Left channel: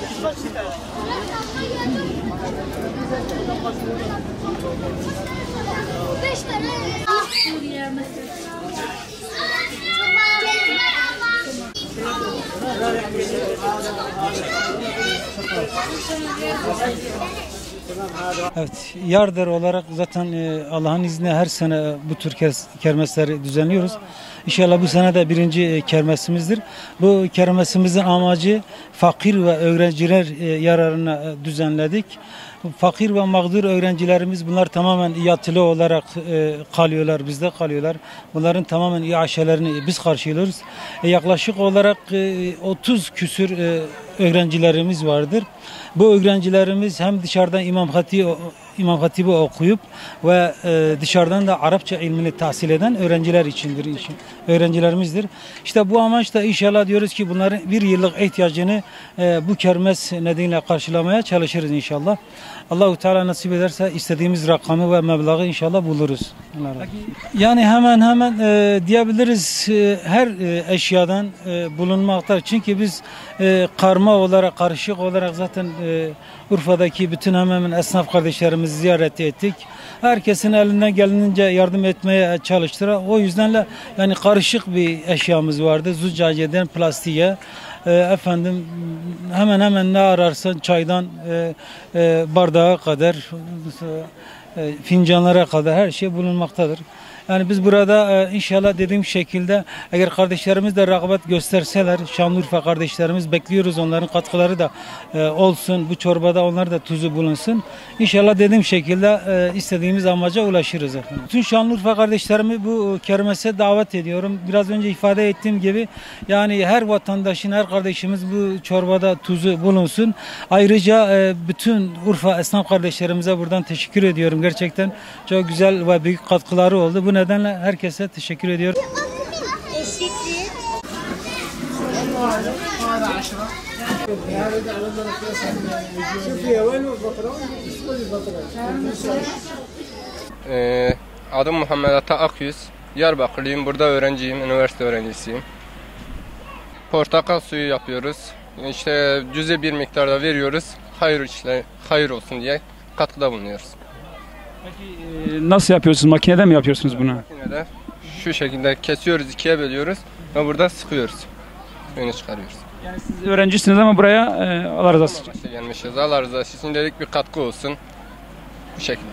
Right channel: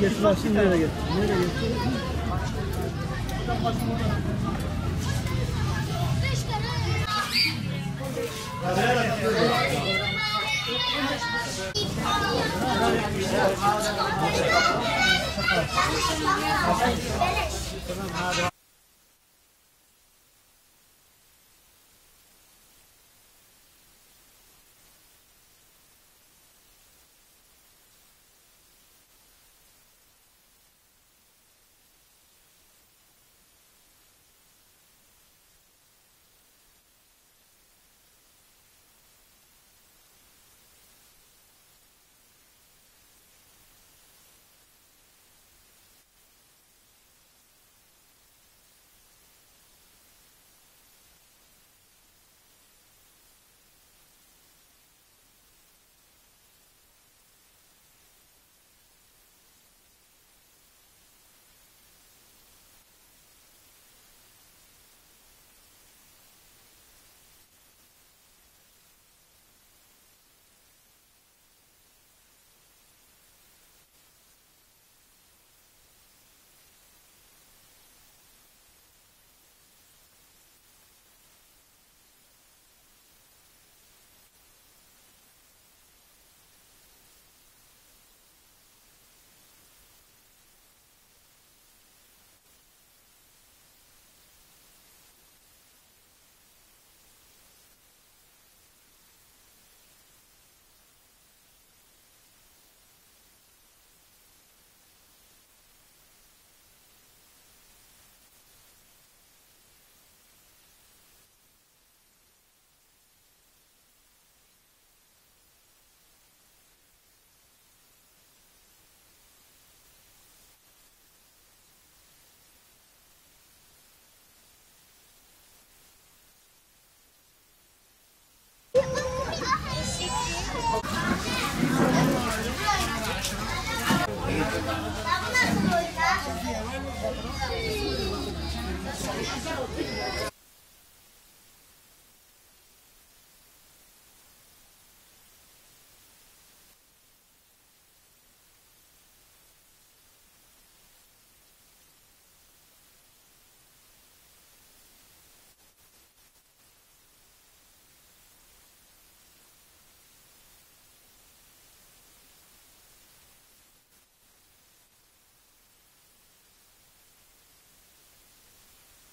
Getirsin nereye getirsin? Evet, yardır olarak zaten Allah'ın izniyle her sene bu tür kermesleri düzenliyoruz. İnşallah bu sene de birinci kermesimizdir. Bu kermesimizin amacı fakir ve öğrenciler yararına düzenledik. Fakir ve mağdur öğrencilerimiz bunlar tamamen yatılı olarak kalıyorlar, bizde kalıyorlar. Bunların tamamen iaşelerini biz karşılıyoruz. Yaklaşık olarak 30 küsür öğrencilerimiz vardır. Bu öğrencilerimiz hem dışarıdan İmam Hatip'i okuyup ve dışarıdan da Arapça ilmini tahsil eden öğrenciler içindir, öğrencilerimizdir. İşte bu amaçla inşallah diyoruz ki bunların bir yıllık ihtiyacını bu kermes nedeniyle karşılamaya çalışırız inşallah. Allah-u Teala nasip ederse istediğimiz rakamı ve meblağı inşallah buluruz. Yani hemen diyebiliriz her eşyadan bulunmaktadır. Çünkü biz karma olarak, karışık olarak zaten Urfa'daki bütün hemen esnaf kardeşlerimizi ziyaret ettik. Herkesin elinden geldiğince yardım etmeye çalıştılar. O yüzden yani karışık bir eşyamız vardı. Züccaciyeden plastiğe. Efendim hemen ne ararsan çaydan bardağa kadar fincanlara kadar her şey bulunmaktadır. Yani biz burada inşallah dediğim şekilde eğer kardeşlerimiz de rağbet gösterseler, Şanlıurfa kardeşlerimiz bekliyoruz, onların katkıları da olsun, bu çorbada onlar da tuzu bulunsun. İnşallah dediğim şekilde istediğimiz amaca ulaşırız efendim. Bütün Şanlıurfa kardeşlerimi bu kermese davet ediyorum. Biraz önce ifade ettiğim gibi yani her vatandaşın, her kardeşimiz bu çorbada tuzu bulunsun. Ayrıca bütün Urfa esnaf kardeşlerimize buradan teşekkür ediyorum. Gerçekten çok güzel ve büyük katkıları oldu. Bu nedenle herkese teşekkür ediyorum. Adım Muhammed Ata Akyüz. Diyarbakırlıyım. Burada öğrenciyim. Üniversite öğrencisiyim. Portakal suyu yapıyoruz. İşte cüzi bir miktarda veriyoruz. Hayır olsun diye katkıda bulunuyoruz. Peki nasıl yapıyorsunuz? Makinede mi yapıyorsunuz bunu? Makinede şu şekilde kesiyoruz, ikiye bölüyoruz ve burada sıkıyoruz. Suyunu çıkarıyoruz. Yani siz öğrencisiniz ama buraya Allah razı olsun. Gelmişiz. Allah razı olsun dedik, bir katkı olsun. Bu şekilde.